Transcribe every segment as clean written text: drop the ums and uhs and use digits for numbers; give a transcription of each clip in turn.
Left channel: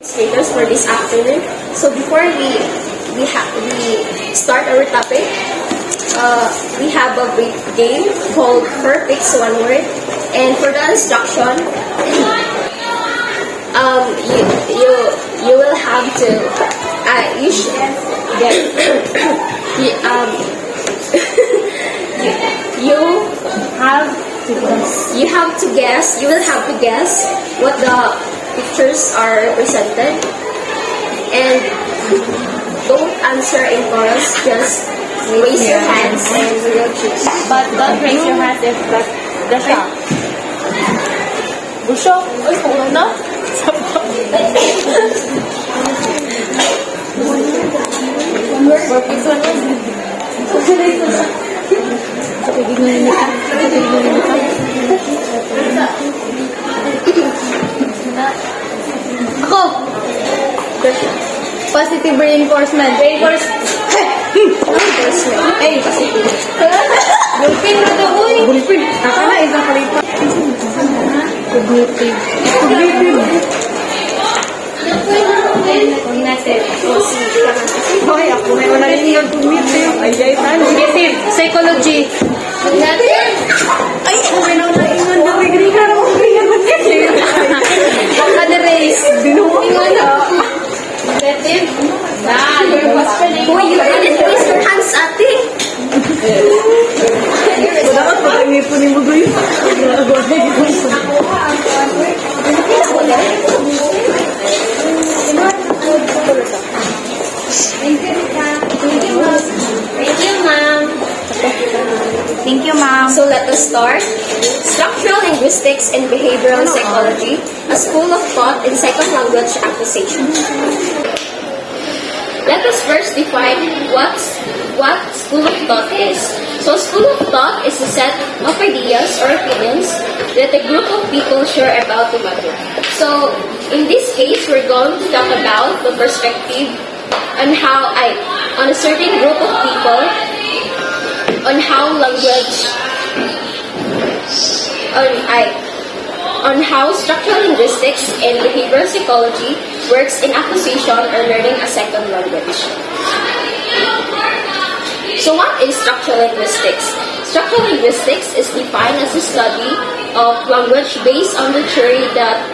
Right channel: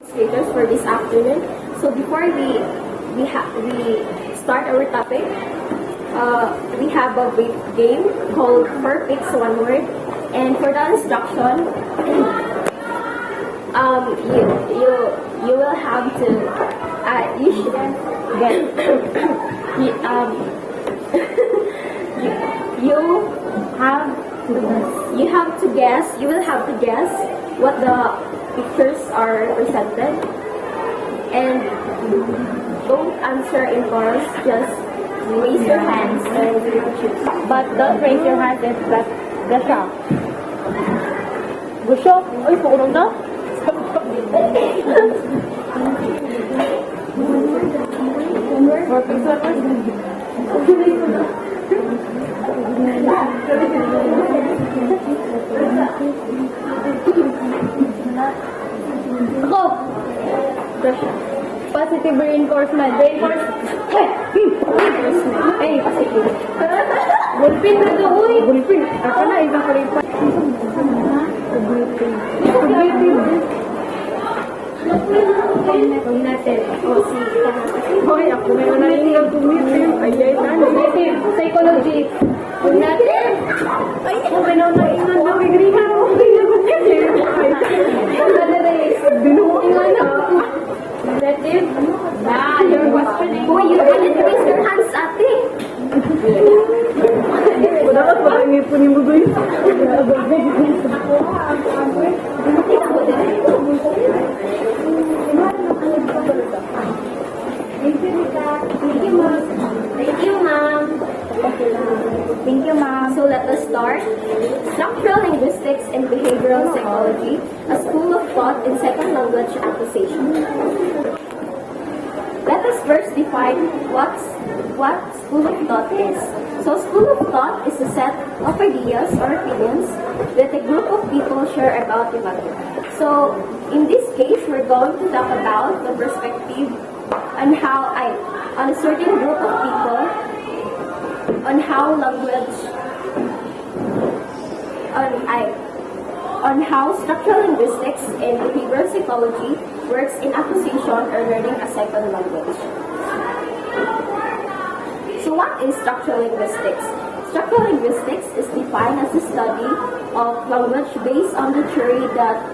Demonstrators for this afternoon. So before we start our topic, we have a brief game called 4 Picks 1 Word, and for the instruction, you will have to you should get you will have to guess what the pictures are represented, and don't answer in chorus, just raise your hands and we will choose. But don't raise your hands if the shop. Busok? Uy, pukulong na? Ako! Positive reinforcement. Reinforcement. Ay, positive. Gulpin na to, uy. Gulpin. Aka na, isang kalita. Cognitive. Cognitive. Okay, ako may wala yung cognitive. Cognitive. Psychology. Cognitive. Ay, okay na wala yung Otherwise. Ingon na. Cognitive. Nah, you're whispering. Uy, you didn't raise your hands, ate. Dapat marami po ni Mugoy. Thank you, ma'am. So let us start. Structural linguistics and behavioral psychology, a school of thought in second language acquisition. Let us first define what school of thought is. So school of thought is a set of ideas or opinions that a group of people share about the matter. So in this case, we're going to talk about the perspective on on a certain group of people on how structural linguistics and behavioral psychology works in acquisition or learning a second language. So what is structural linguistics? Structural linguistics is defined as the study of language based on the theory that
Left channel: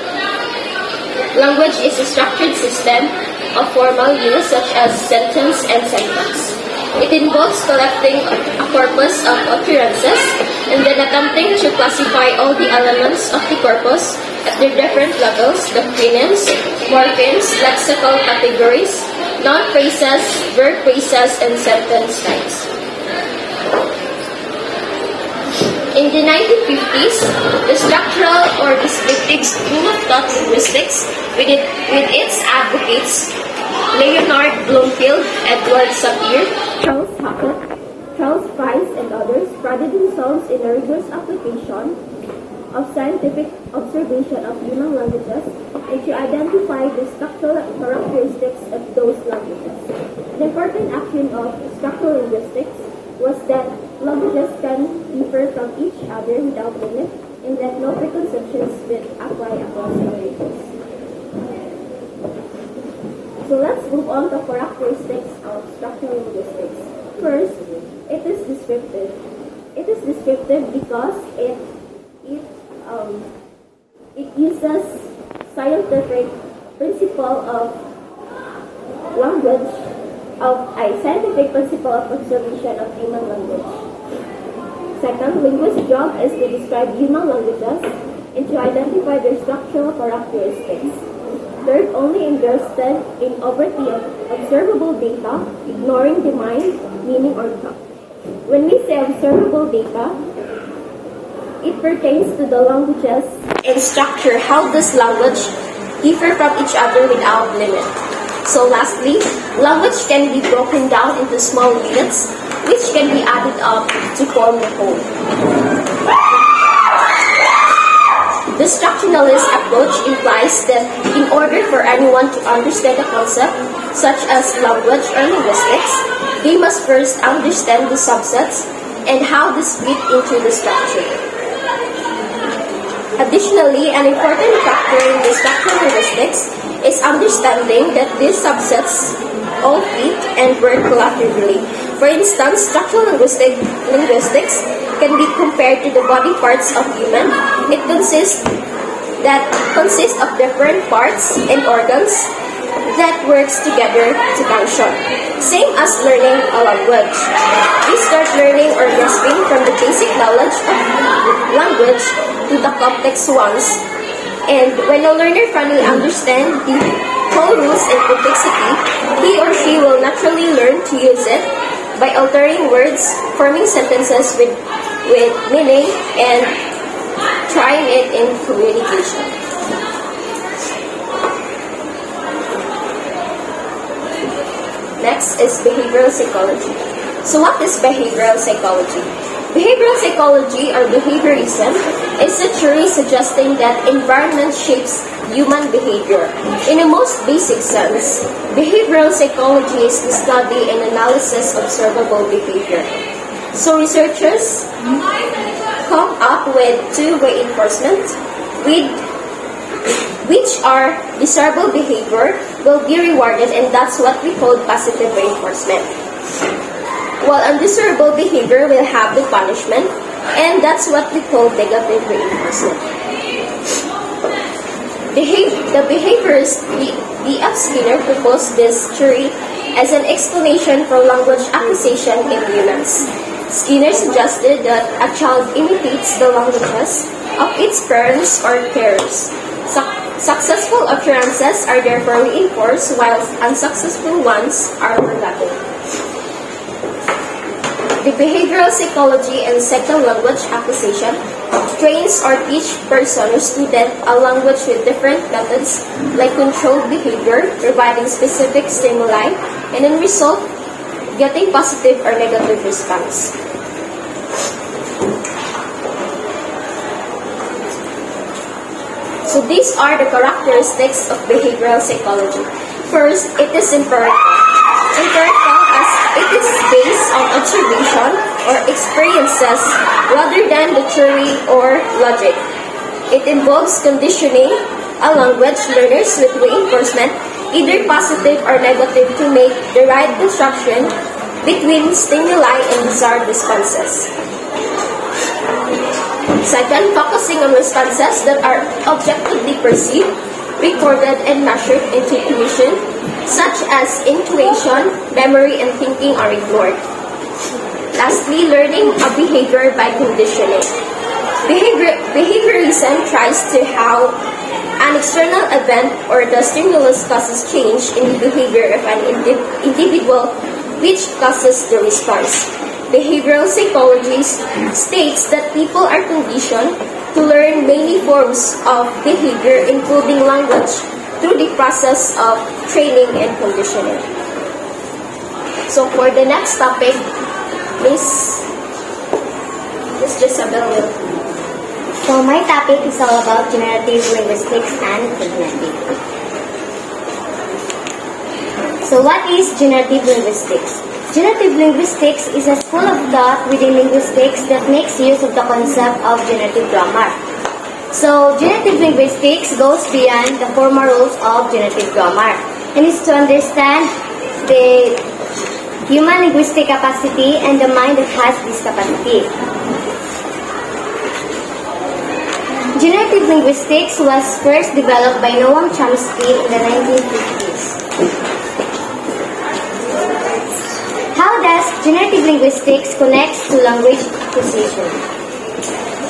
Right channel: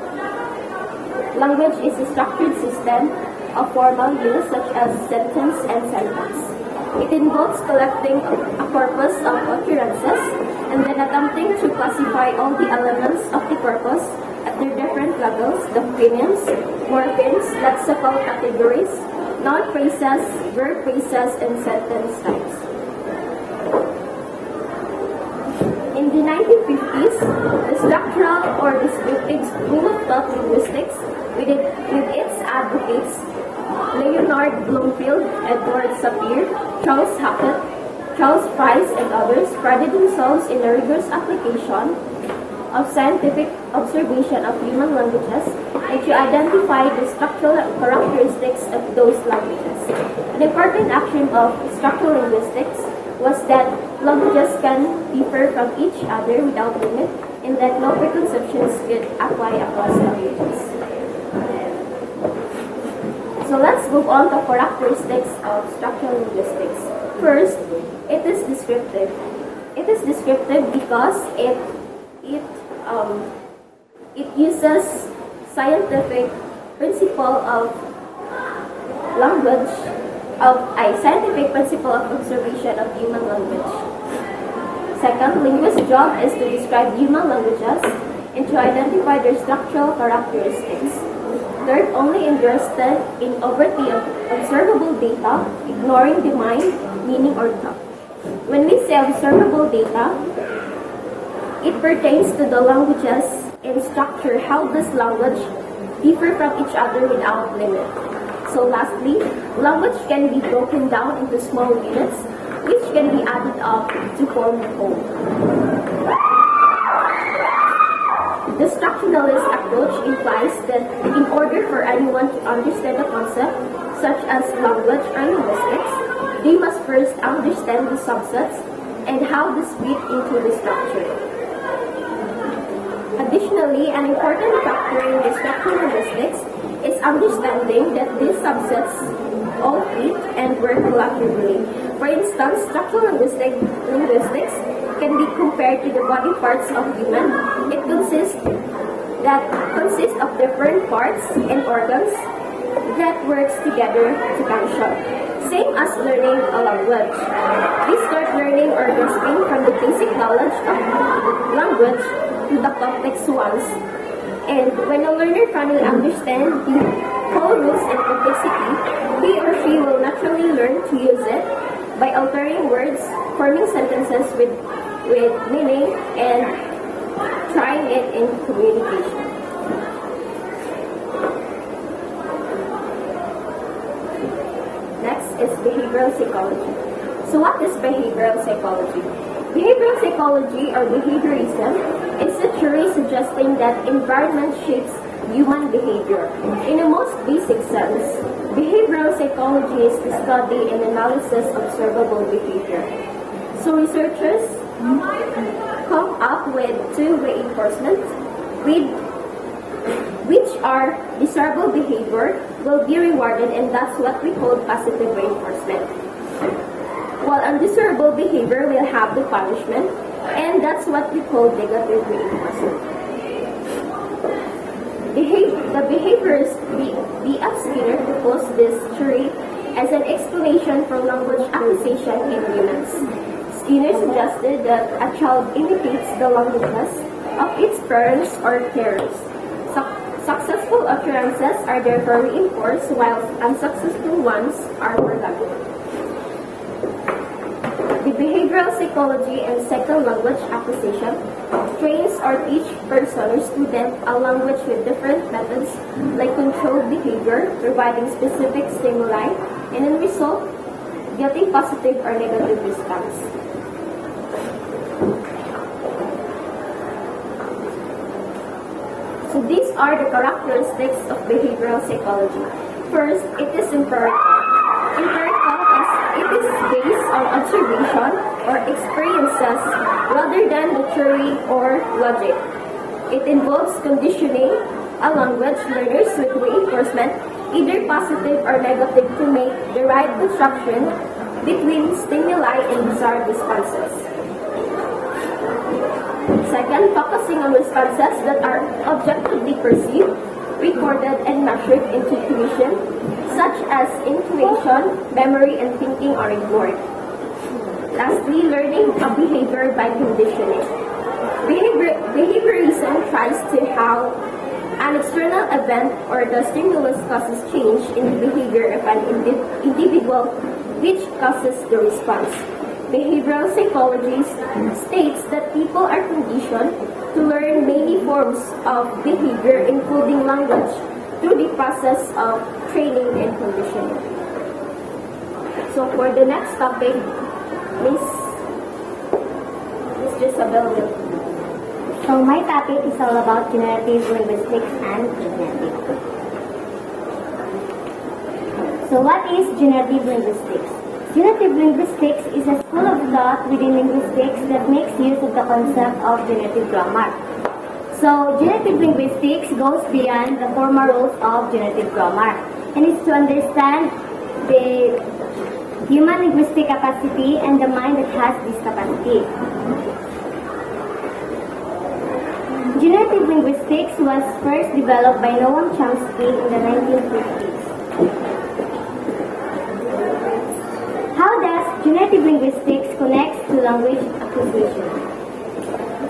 language is a structured system of formal units such as sentence and sentence. It involves collecting a corpus of occurrences and then attempting to classify all the elements of the corpus at their different levels: the phonemics, morphemes, lexical categories, noun phrases, verb phrases, and sentence types. In the 1950s, the structural or descriptive school of thought linguistics, with its advocates Leonard Bloomfield, Edward Sapir, Charles Hackett, Charles Price, and others, prided themselves in the rigorous application of scientific observation of human languages and to identify the structural characteristics of those languages. An important action of structural linguistics was that languages can differ from each other without limit, and that no preconceptions could apply across languages. So let's move on to characteristics of structural linguistics. First, it is descriptive. It is descriptive because it uses scientific principle of language, scientific principle of observation of human language. Second, linguist's job is to describe human languages and to identify their structural characteristics. Third, only interested in overtly observable data, ignoring the mind, meaning, or thought. When we say observable data, it pertains to the languages and structure. How does language differ from each other without limit? So lastly, language can be broken down into small units, which can be added up to form the whole. The structuralist approach implies that in order for anyone to understand a concept, such as language or linguistics, they must first understand the subsets and how this fit into the structure. Additionally, an important factor in the structural linguistics is understanding that these subsets all fit and work collaboratively. For instance, structural linguistics can be compared to the body parts of human. It consists of different parts and organs that works together to function. Same as learning a language. We start learning or grasping from the basic knowledge of language to the complex ones. And when a learner finally understands the whole rules and complexity, he or she will naturally learn to use it by altering words, forming sentences with meaning, and trying it in communication. Next is behavioral psychology. So what is behavioral psychology? Behavioral psychology or behaviorism is a theory suggesting that environment shapes human behavior. In a most basic sense, behavioral psychology is the study and analysis of observable behavior. So researchers come up with two reinforcement, which are desirable behavior will be rewarded, and that's what we call positive reinforcement. While undesirable behavior will have the punishment, and that's what we call negative reinforcement. The behaviorist D.F. Skinner proposed this theory as an explanation for language acquisition in humans. Skinner suggested that a child imitates the languages of its parents or carers. Successful occurrences are therefore reinforced, while unsuccessful ones are forgotten. The behavioral psychology and second language acquisition trains or teach person or student a language with different methods like controlled behavior, providing specific stimuli, and in result, getting positive or negative response. So these are the characteristics of behavioral psychology. First, it is empirical. Empirical as it is based on observation or experiences rather than the theory or logic. It involves conditioning a language learners with reinforcement, either positive or negative, to make the right construction between stimuli and desired responses. Second, focusing on responses that are objectively perceived, recorded, and measured into intuition, such as intuition, memory, and thinking are ignored. Lastly, learning a behavior by conditioning. Behaviorism tries to how an external event or the stimulus causes change in the behavior of an individual, which causes the response. Behavioral psychology states that people are conditioned to learn many forms of behavior, including language, through the process of training and conditioning. So for the next topic, Miss Jezabel will. So my topic is all about generative linguistics and cognitive. So what is generative linguistics? Generative linguistics is a school of thought within linguistics that makes use of the concept of generative grammar. So generative linguistics goes beyond the formal rules of generative grammar and is to understand the human linguistic capacity and the mind that has this capacity. Generative linguistics was first developed by Noam Chomsky in the 1950s. How does generative linguistics connects to language acquisition?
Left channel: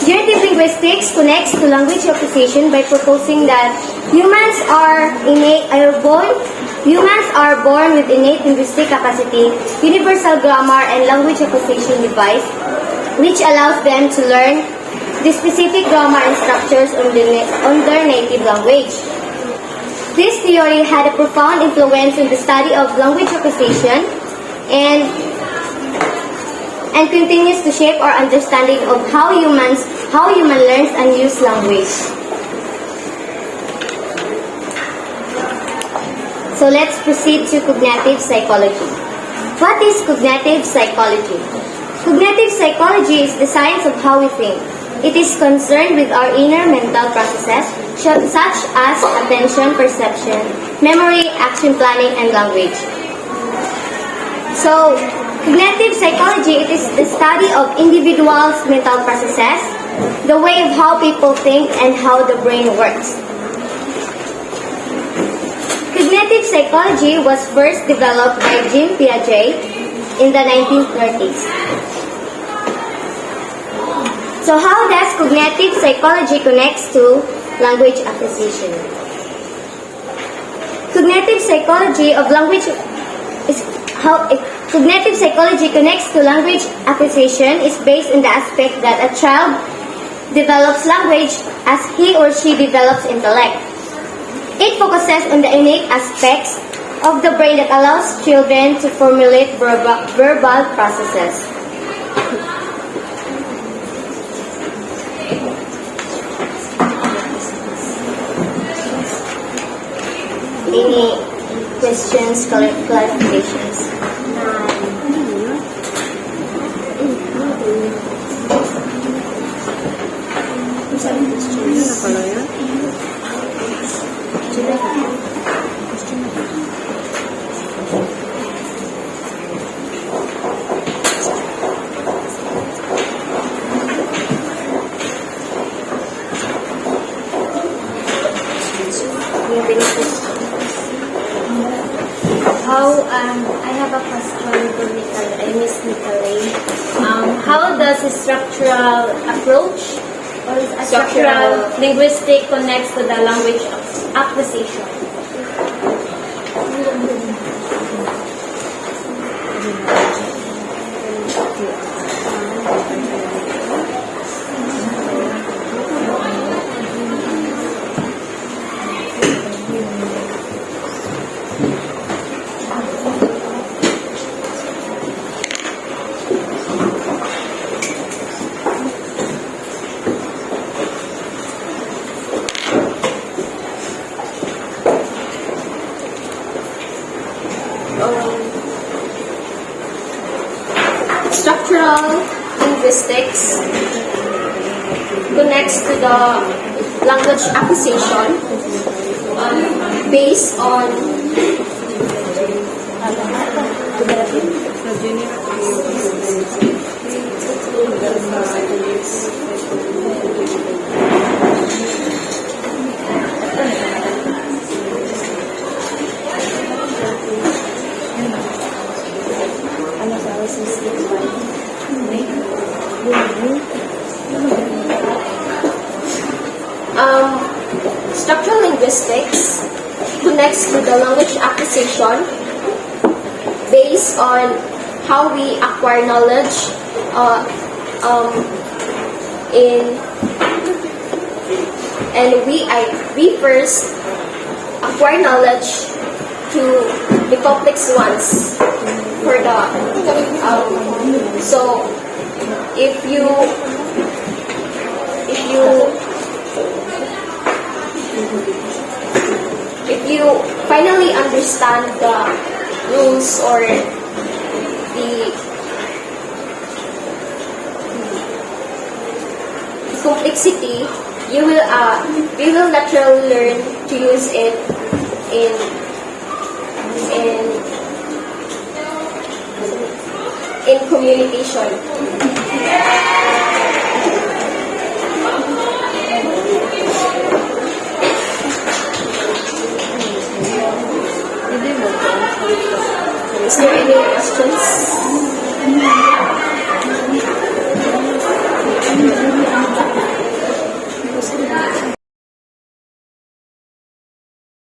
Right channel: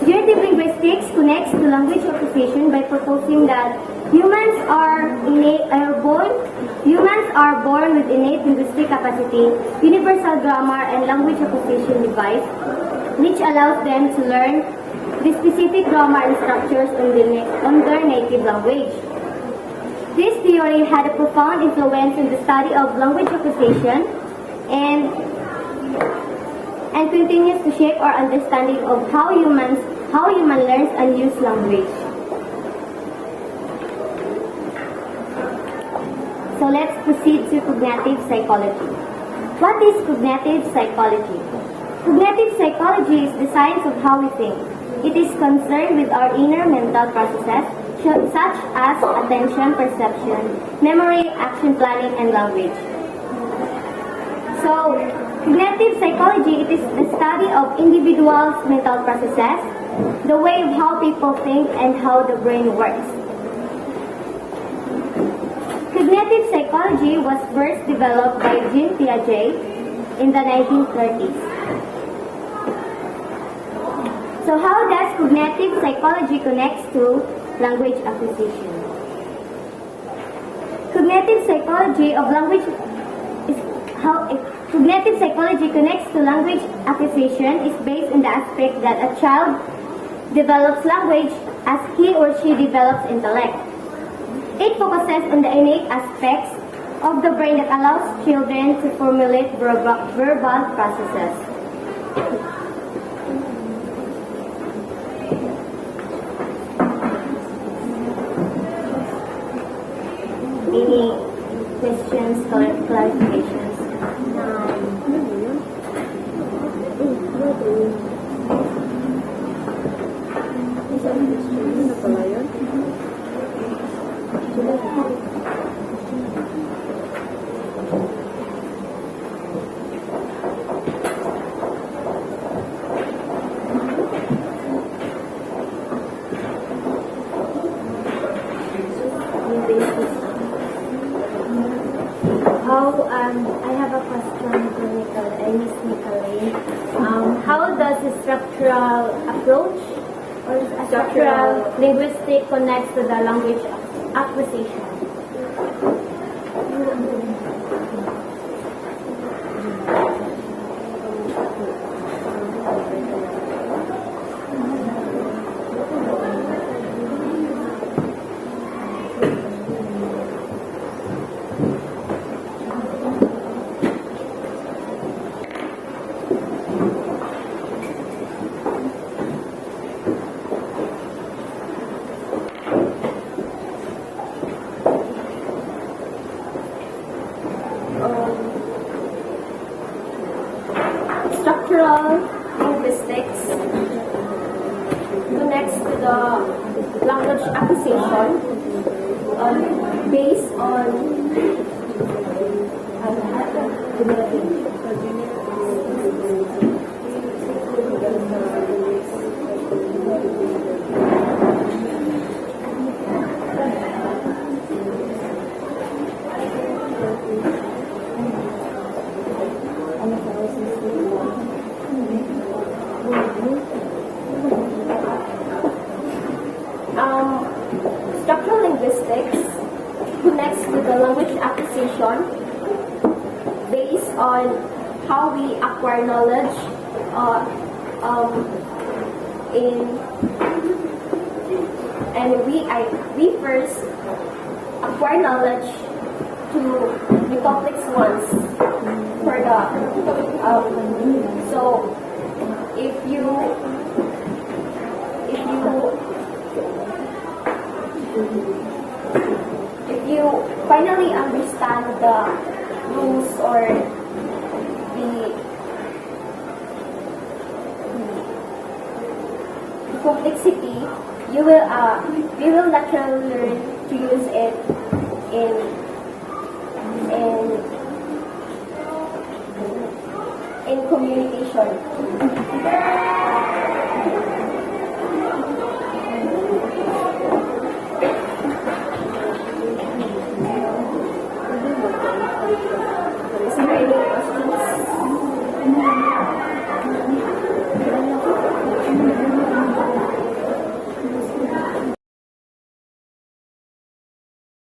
Generative linguistics connects to language acquisition by proposing that humans are born with innate linguistic capacity, universal grammar, and language acquisition device, which allows them to learn the specific grammar and structures on their native language. This theory had a profound influence in the study of language acquisition and continues to shape our understanding of how human learns and use language. So let's proceed to cognitive psychology. What is cognitive psychology? Cognitive psychology is the science of how we think. It is concerned with our inner mental processes such as attention, perception, memory, action planning, and language. So, cognitive psychology, it is the study of individuals' mental processes, the way of how people think and how the brain works. Cognitive psychology was first developed by Jean Piaget in the 1930s. So how does cognitive psychology connect to language acquisition? Cognitive psychology of language is how cognitive psychology connects to language acquisition is based on the aspect that a child develops language as he or she develops intellect. It focuses on the innate aspects of the brain that allows children to formulate verbal processes. Any questions, clarifications? I have a question for Miss Nicolay. How does a structural approach or structural linguistic connects to the language acquisition? Structural linguistics connects to the language acquisition based on structural linguistics connects to the language acquisition based on how we acquire knowledge we first acquire knowledge to the complex ones for the so if you finally understand the rules or the complexity, we will naturally learn to use it in communication. Is there any questions?